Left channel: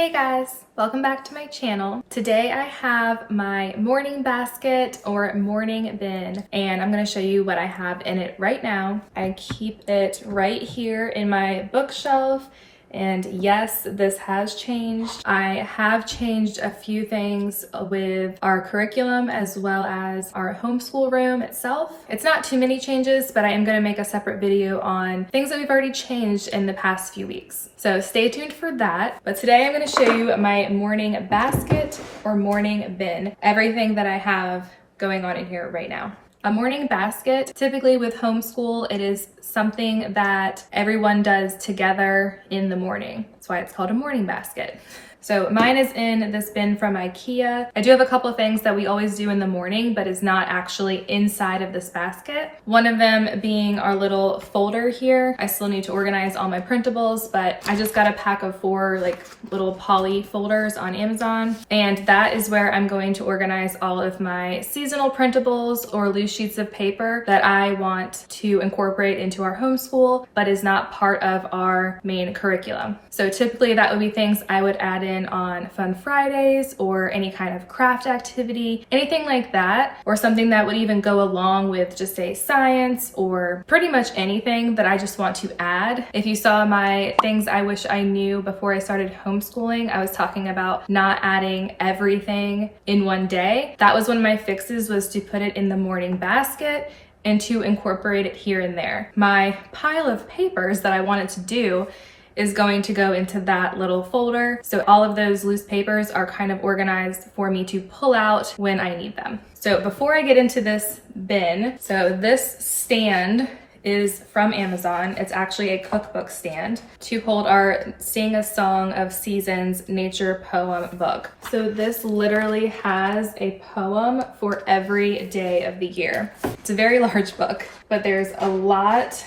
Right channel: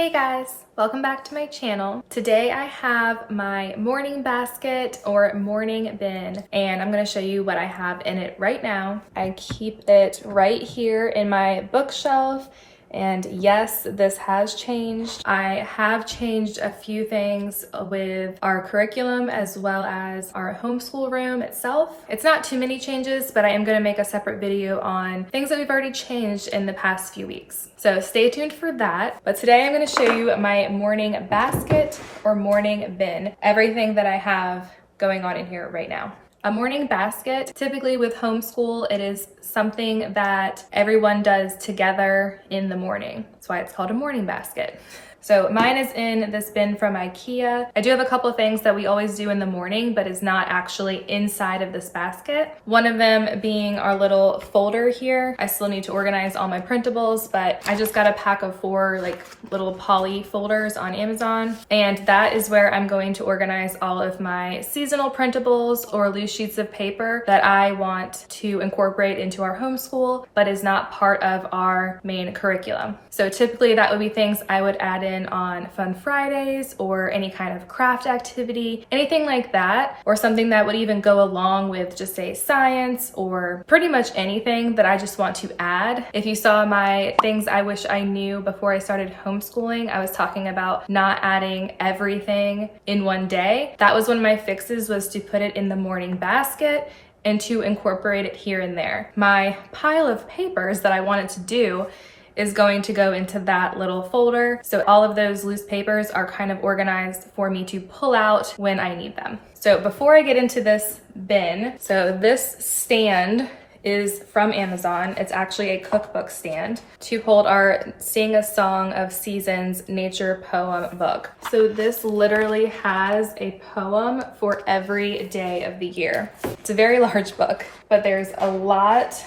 Hey guys, welcome back to my channel. Today I have my morning basket or morning bin, and I'm going to show you what I have in it right now. I keep it right here in my bookshelf. And yes, this has changed. I have changed a few things with our curriculum as well as our homeschool room itself. It's not too many changes, but I am going to make a separate video on things that we've already changed in the past few weeks. So stay tuned for that. But today I'm going to show you my morning basket or morning bin, everything that I have going on in here right now. A morning basket, typically with homeschool, it is something that everyone does together in the morning. That's why it's called a morning basket. So mine is in this bin from IKEA. I do have a couple of things that we always do in the morning, but is not actually inside of this basket. One of them being our little folder here. I still need to organize all my printables, but I just got a pack of 4 like little poly folders on Amazon. And that is where I'm going to organize all of my seasonal printables or loose sheets of paper that I want to incorporate into our homeschool, but is not part of our main curriculum. So typically that would be things I would add in on Fun Fridays or any kind of craft activity, anything like that, or something that would even go along with just say science or pretty much anything that I just want to add. If you saw my things I wish I knew before I started homeschooling, I was talking about not adding everything in one day. That was one of my fixes, was to put it in the morning basket and to incorporate it here and there. My pile of papers that I wanted to do is going to go into that little folder. So all of those loose papers are kind of organized for me to pull out when I need them. So before I get into this bin, so this stand is from Amazon. It's actually a cookbook stand to hold our Sing a Song of Seasons nature poem book. So this literally has a poem for every day of the year. It's a very large book, but there's a lot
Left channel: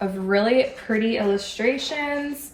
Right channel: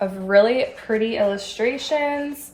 of really pretty illustrations.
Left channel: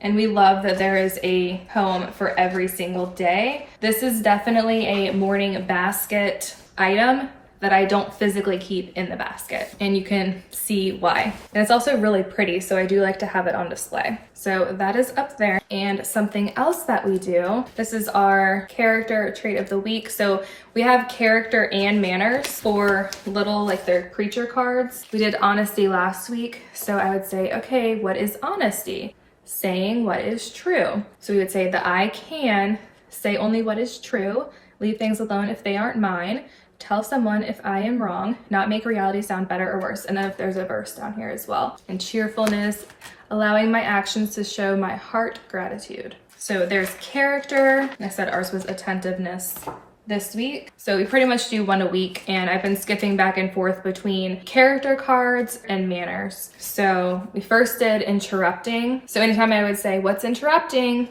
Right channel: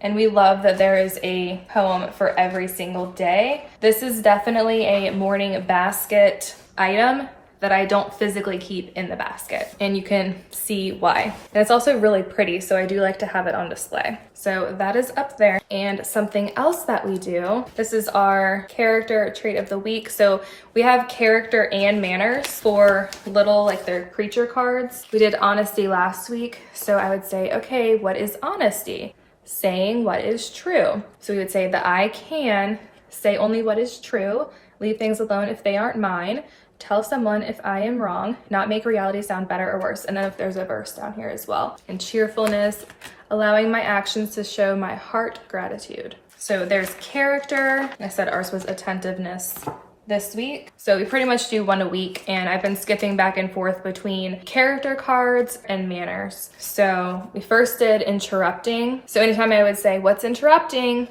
And we love that there is a poem for every single day. This is definitely a morning basket item that I don't physically keep in the basket, and you can see why. And it's also really pretty, so I do like to have it on display. So that is up there. And something else that we do, this is our character trait of the week. So we have character and manners for little, like their creature cards. We did honesty last week, so I would say, okay, what is honesty? Saying what is true. So we would say that I can say only what is true, leave things alone if they aren't mine, tell someone if I am wrong, not make reality sound better or worse. And then if there's a verse down here as well. And cheerfulness, allowing my actions to show my heart gratitude. So there's character. I said ours was attentiveness this week. So we pretty much do one a week, and I've been skipping back and forth between character cards and manners. So we first did interrupting. So anytime I would say, what's interrupting?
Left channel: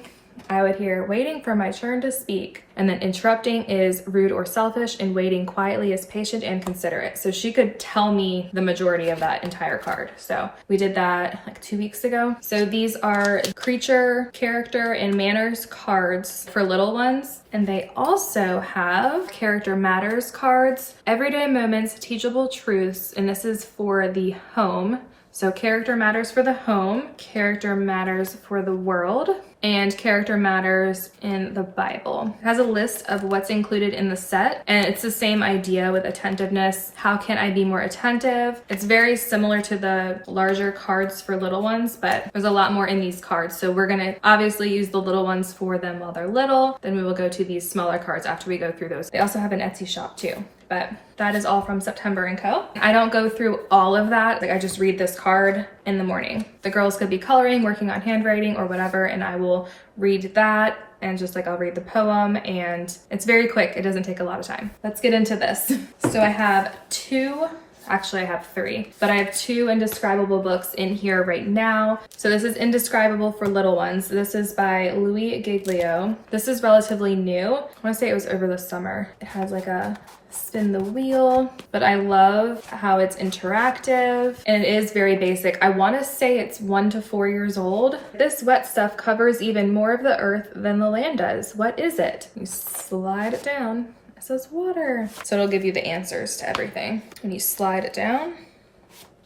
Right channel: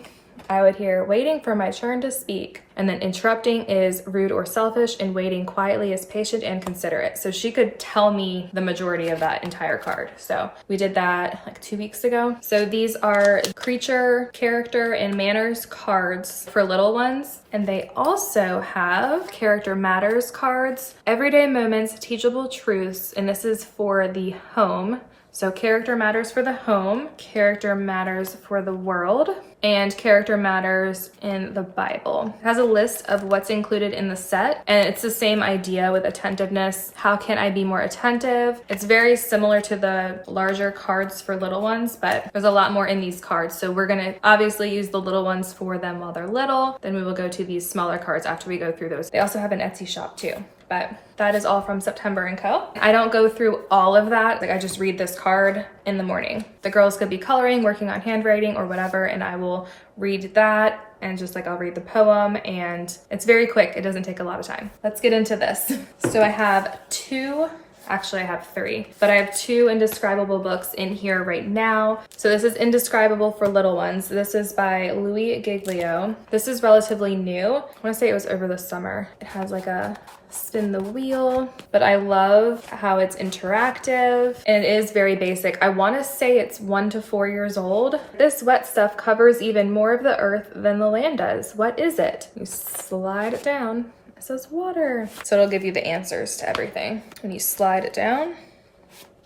I would hear waiting for my turn to speak. And then interrupting is rude or selfish, and waiting quietly is patient and considerate. So she could tell me the majority of that entire card. So we did that like 2 weeks ago. So these are creature, character, and manners cards for little ones. And they also have character matters cards, everyday moments, teachable truths. And this is for the home. So character matters for the home, character matters for the world, and character matters in the Bible. It has a list of what's included in the set, and it's the same idea with attentiveness. How can I be more attentive? It's very similar to the larger cards for little ones, but there's a lot more in these cards. So we're gonna obviously use the little ones for them while they're little. Then we will go to these smaller cards after we go through those. They also have an Etsy shop too. But that is all from September & Co. I don't go through all of that. Like I just read this card in the morning. The girls could be coloring, working on handwriting or whatever, and I will read that, and just like I'll read the poem, and it's very quick. It doesn't take a lot of time. Let's get into this. So I have 2, actually I have 3, but I have 2 indescribable books in here right now. So this is Indescribable for Little Ones. This is by Louis Giglio. This is relatively new. I want to say it was over the summer. It has like a spin the wheel, but I love how it's interactive, and it is very basic. I want to say it's 1 to 4 years old. This wet stuff covers even more of the earth than the land does. What is it? You slide it down. It says water. So it'll give you the answers to everything. And you slide it down.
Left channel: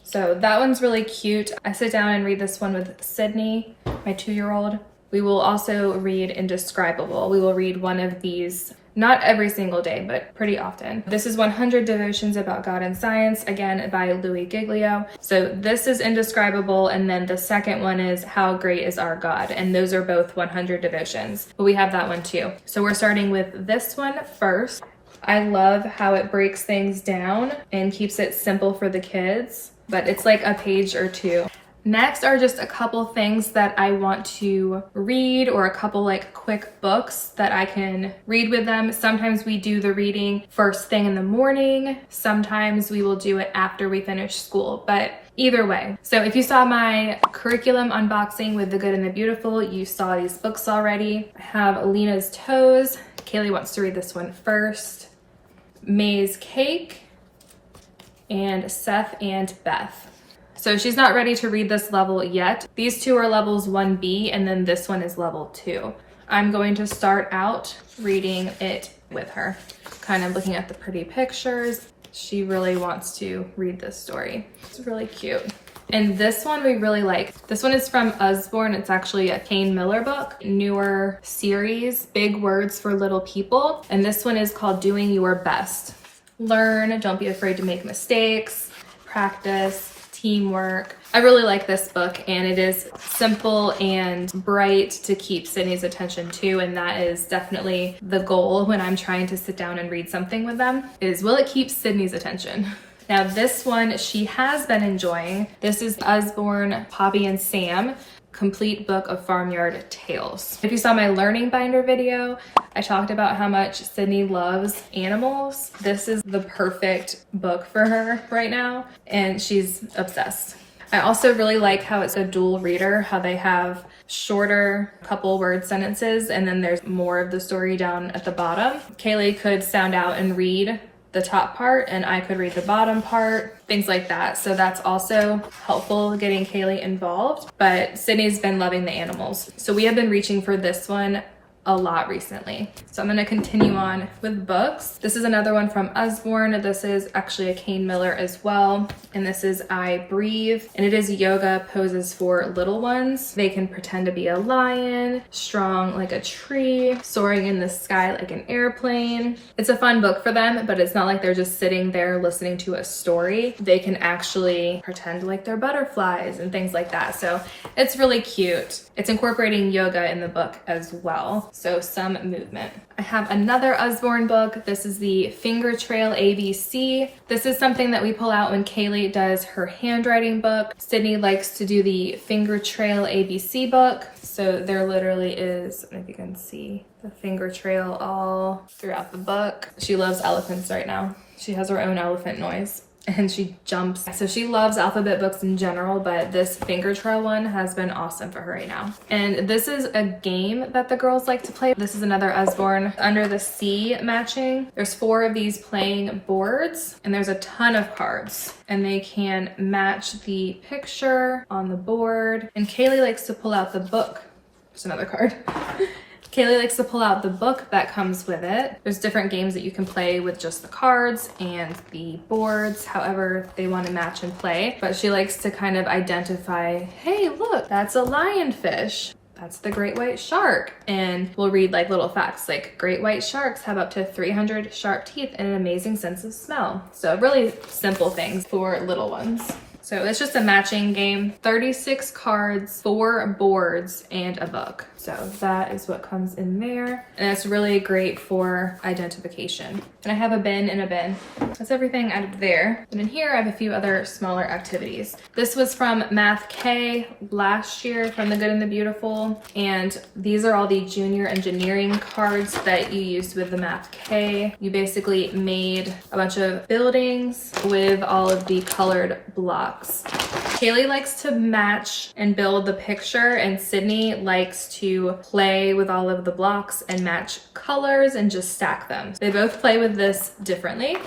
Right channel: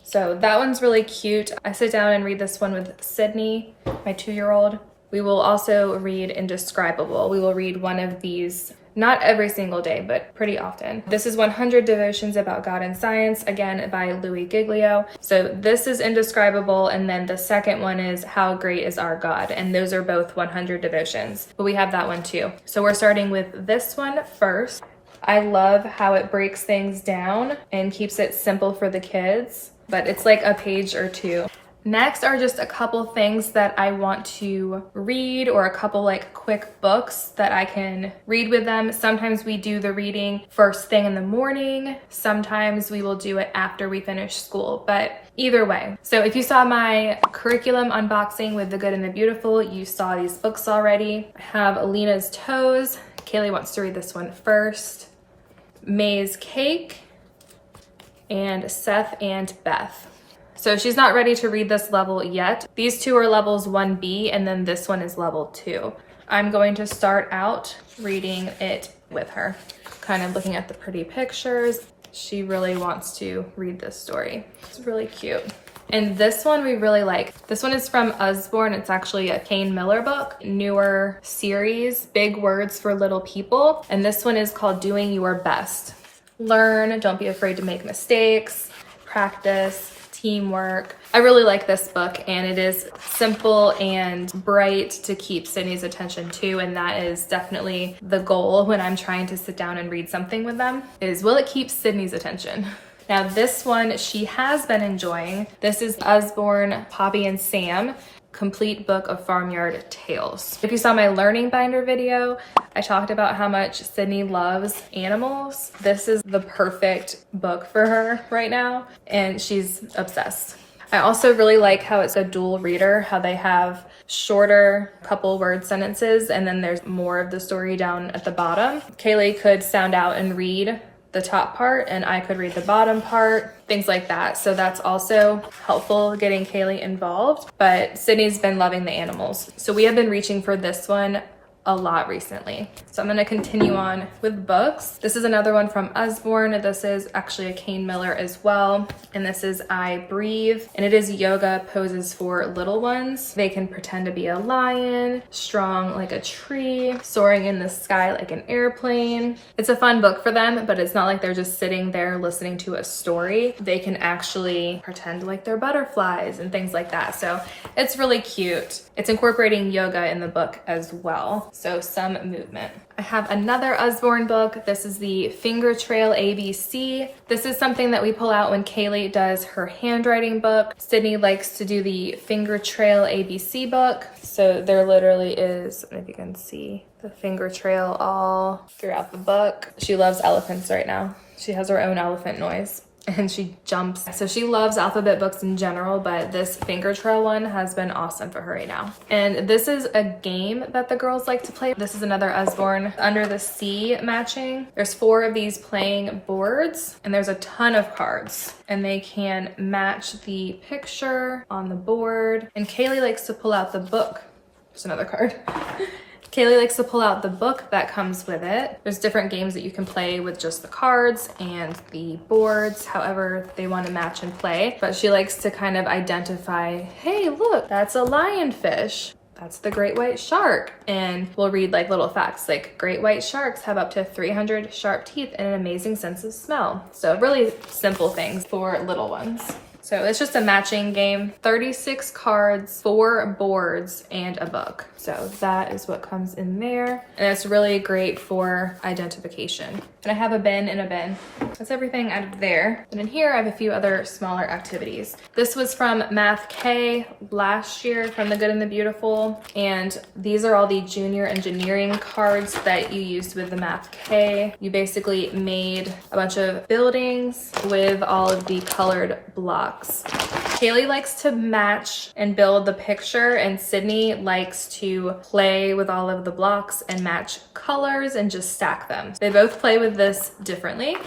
So that one's really cute. I sit down and read this one with Sydney, my 2-year-old. We will also read Indescribable. We will read one of these, not every single day, but pretty often. This is 100 Devotions About God and Science, again by Louis Giglio. So this is Indescribable, and then the second one is How Great Is Our God, and those are both 100 devotions, but we have that one too. So we're starting with this one first. I love how it breaks things down and keeps it simple for the kids, but it's like a page or two. Next are just a couple things that I want to read, or a couple like quick books that I can read with them. Sometimes we do the reading first thing in the morning. Sometimes we will do it after we finish school, but either way. So if you saw my curriculum unboxing with The Good and the Beautiful, you saw these books already. I have Alina's Toes. Kaylee wants to read this one first. May's Cake, and Seth and Beth. So she's not ready to read this level yet. These two are levels 1B, and then this one is level 2. I'm going to start out reading it with her. Kind of looking at the pretty pictures. She really wants to read this story. It's really cute. And this one we really like. This one is from Usborne. It's actually a Kane Miller book, newer series, Big Words for Little People. And this one is called Doing Your Best. Learn, don't be afraid to make mistakes, practice, teamwork. I really like this book, and it is simple and bright to keep Sydney's attention too, and that is definitely the goal when I'm trying to sit down and read something with them, is will it keep Sydney's attention? Now this one she has been enjoying. This is Usborne, Poppy and Sam, Complete Book of Farmyard Tales. If you saw my learning binder video, I talked about how much Sydney loves animals. This is the perfect book for her right now, and she's obsessed. I also really like how it's a dual reader, how they have shorter couple word sentences, and then there's more of the story down at the bottom. Kaylee could sound out and read the top part, and I could read the bottom part, things like that. So that's also helpful getting Kaylee involved, but Sydney's been loving the animals. So we have been reaching for this one a lot recently. So I'm going to continue on with books. This is another one from Usborne. This is actually a Kane Miller as well. And this is I Breathe. And it is yoga poses for little ones. They can pretend to be a lion, strong like a tree, soaring in the sky like an airplane. It's a fun book for them, but it's not like they're just sitting there listening to a story. They can actually pretend like they're butterflies and things like that. So it's really cute. It's incorporating yoga in the book as well. So some movement. I have another Usborne book. This is the Finger Trail ABC. This is something that we pull out when Kaylee does her handwriting book. Sydney likes to do the Finger Trail ABC book. So there literally is, I don't know if you can see, the finger trail all throughout the book. She loves elephants right now. She has her own elephant noise. And she jumps. So she loves alphabet books in general, but this finger trail one has been awesome for her right now. And this is a game that the girls like to play. This is another Usborne Under the Sea matching. There's 4 of these playing boards, and there's a ton of cards, and they can match the picture on the board. And Kaylee likes to pull out the book. Just another card. Kaylee likes to pull out the book that comes with it. There's different games that you can play with just the cards and the boards, however they want to match and play. But she likes to kind of identify, hey, look, that's a lionfish. That's the great white shark. And we'll read like little facts like great white sharks have up to 300 sharp teeth and an amazing sense of smell. So really simple things for little ones. So it's just a matching game, 36 cards, 4 boards, and a book. So that is what comes in there. And it's really great for identification. And I have a bin in a bin. That's everything out of there. And in here, I have a few other smaller activities. This was from Math K last year from The Good and the Beautiful. And these are all the junior engineering cards that you used with the Math K. You basically made a bunch of buildings with all of the colored blocks. Kaylee likes to match and build the picture, and Sydney likes to play with all of the blocks and match colors and just stack them. They both play with this differently.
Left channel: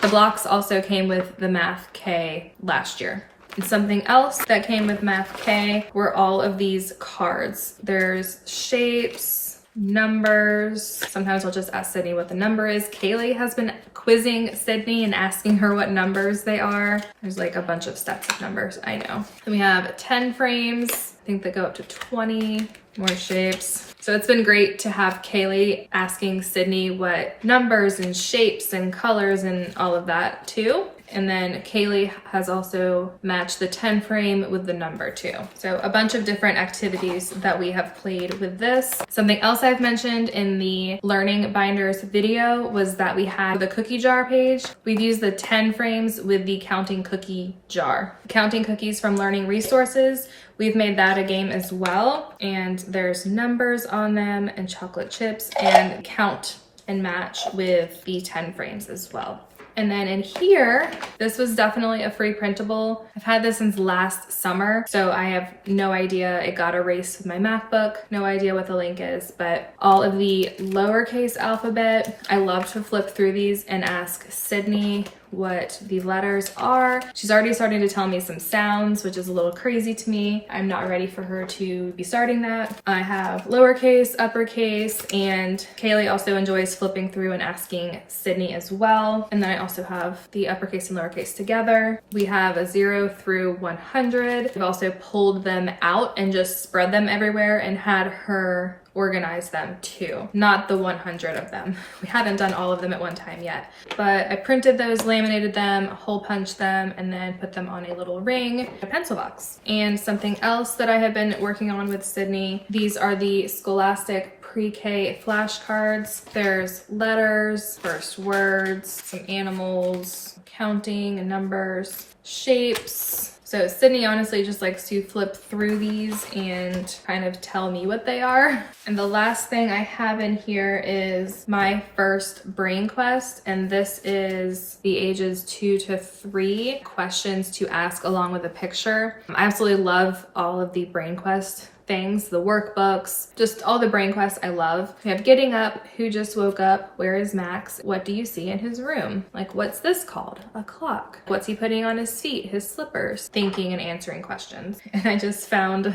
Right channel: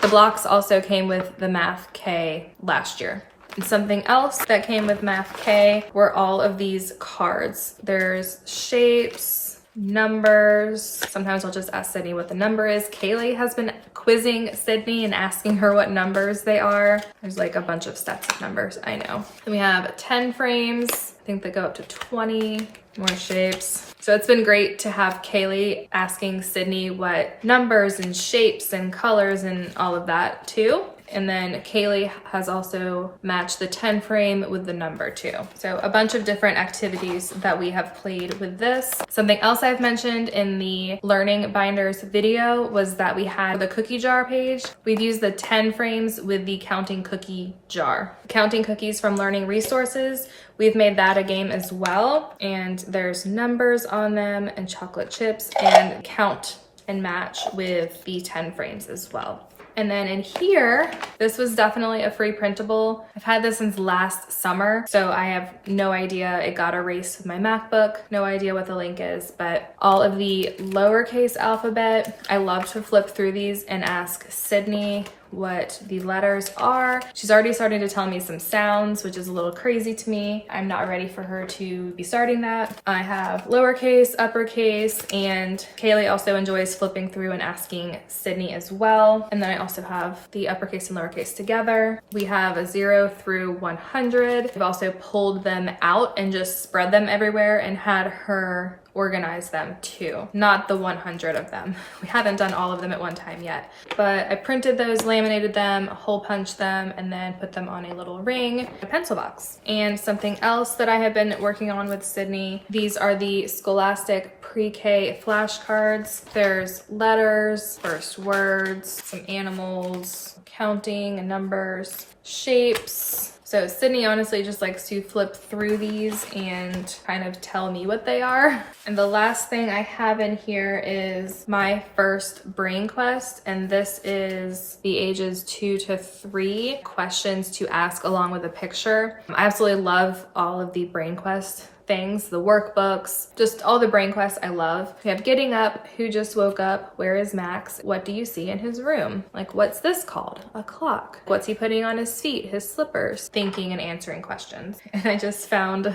The blocks also came with the Math K last year. And something else that came with Math K were all of these cards. There's shapes, numbers. Sometimes I'll just ask Sydney what the number is. Kaylee has been quizzing Sydney and asking her what numbers they are. There's like a bunch of steps of numbers, I know. Then we have 10 frames. I think they go up to 20. More shapes. So it's been great to have Kaylee asking Sydney what numbers and shapes and colors and all of that too. And then Kaylee has also matched the 10 frame with the number too. So a bunch of different activities that we have played with this. Something else I've mentioned in the Learning Binders video was that we had the cookie jar page. We've used the 10 frames with the counting cookie jar. Counting cookies from Learning Resources. We've made that a game as well. And there's numbers on them and chocolate chips and count and match with the 10 frames as well. And then in here, this was definitely a free printable. I've had this since last summer, so I have no idea. It got erased with my MacBook. No idea what the link is, but all of the lowercase alphabet. I love to flip through these and ask Sydney what the letters are. She's already starting to tell me some sounds, which is a little crazy to me. I'm not ready for her to be starting that. I have lowercase, uppercase, and Kaylee also enjoys flipping through and asking Sydney as well. And then I also have the uppercase and lowercase together. We have a 0 through 100. We've also pulled them out and just spread them everywhere and had her organize them too, not the 100 of them. We haven't done all of them at one time yet, but I printed those, laminated them, hole punched them, and then put them on a little ring, a pencil box. And something else that I have been working on with Sydney, these are the Scholastic pre-K flashcards. There's letters, first words, some animals, counting and numbers, shapes. So Sydney honestly just likes to flip through these and kind of tell me what they are. And the last thing I have in here is my first brain quest. And this is the ages 2 to 3 questions to ask along with a picture. I absolutely love all of the brain quest things, the workbooks, just all the brain quests I love. We have getting up, who just woke up, where is Max, what do you see in his room? Like, what's this called? A clock. What's he putting on his feet? His slippers. Thinking and answering questions. And I just found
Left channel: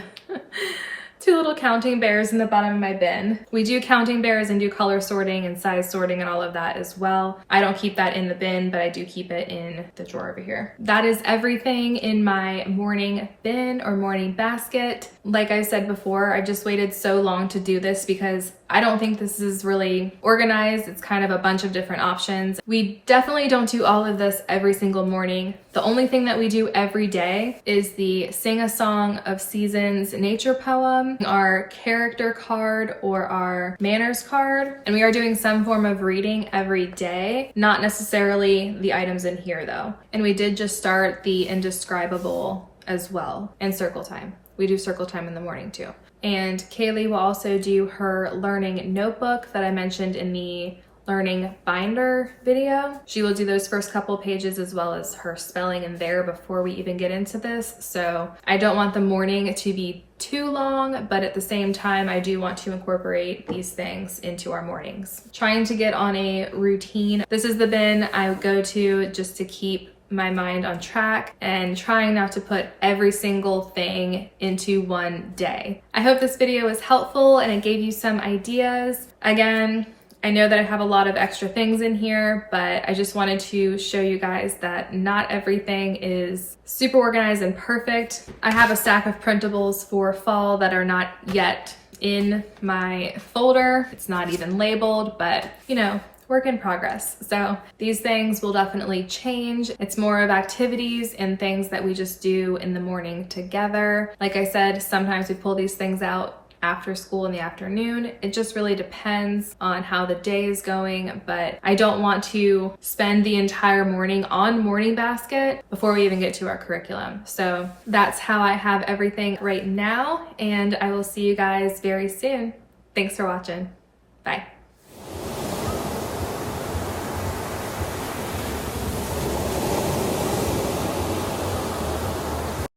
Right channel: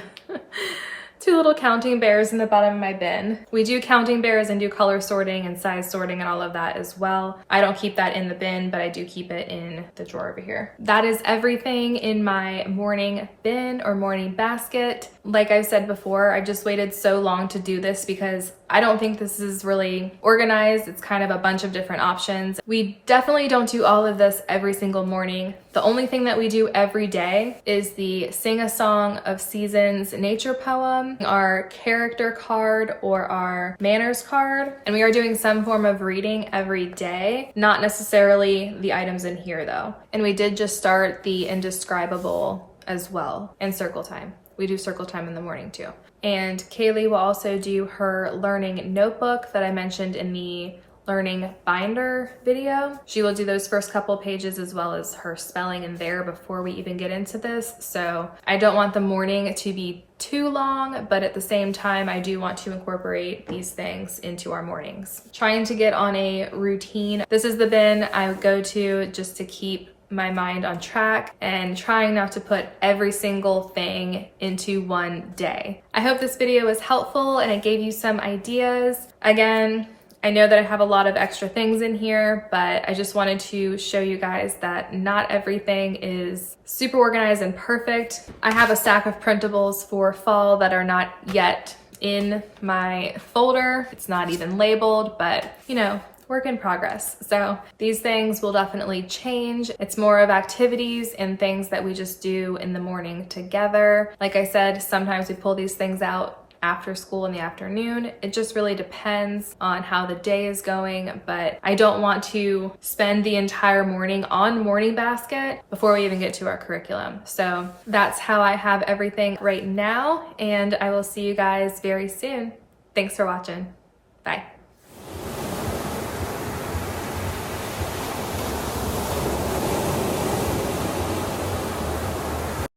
2 little counting bears in the bottom of my bin. We do counting bears and do color sorting and size sorting and all of that as well. I don't keep that in the bin, but I do keep it in the drawer over here. That is everything in my morning bin or morning basket. Like I said before, I just waited so long to do this because I don't think this is really organized. It's kind of a bunch of different options. We definitely don't do all of this every single morning. The only thing that we do every day is the Sing a Song of Seasons nature poem, our character card or our manners card. And we are doing some form of reading every day, not necessarily the items in here though. And we did just start the indescribable as well and circle time. We do circle time in the morning too. And Kaylee will also do her learning notebook that I mentioned in the learning binder video. She will do those first couple pages as well as her spelling in there before we even get into this. So I don't want the morning to be too long, but at the same time, I do want to incorporate these things into our mornings. Trying to get on a routine. This is the bin I go to just to keep my mind on track and trying not to put every single thing into one day. I hope this video was helpful and it gave you some ideas. Again, I know that I have a lot of extra things in here, but I just wanted to show you guys that not everything is super organized and perfect. I have a stack of printables for fall that are not yet in my folder. It's not even labeled, but you know, work in progress. So these things will definitely change. It's more of activities and things that we just do in the morning together. Like I said, sometimes we pull these things out after school in the afternoon. It just really depends on how the day is going, but I don't want to spend the entire morning on morning basket before we even get to our curriculum. So that's how I have everything right now, and I will see you guys very soon. Thanks for watching. Bye.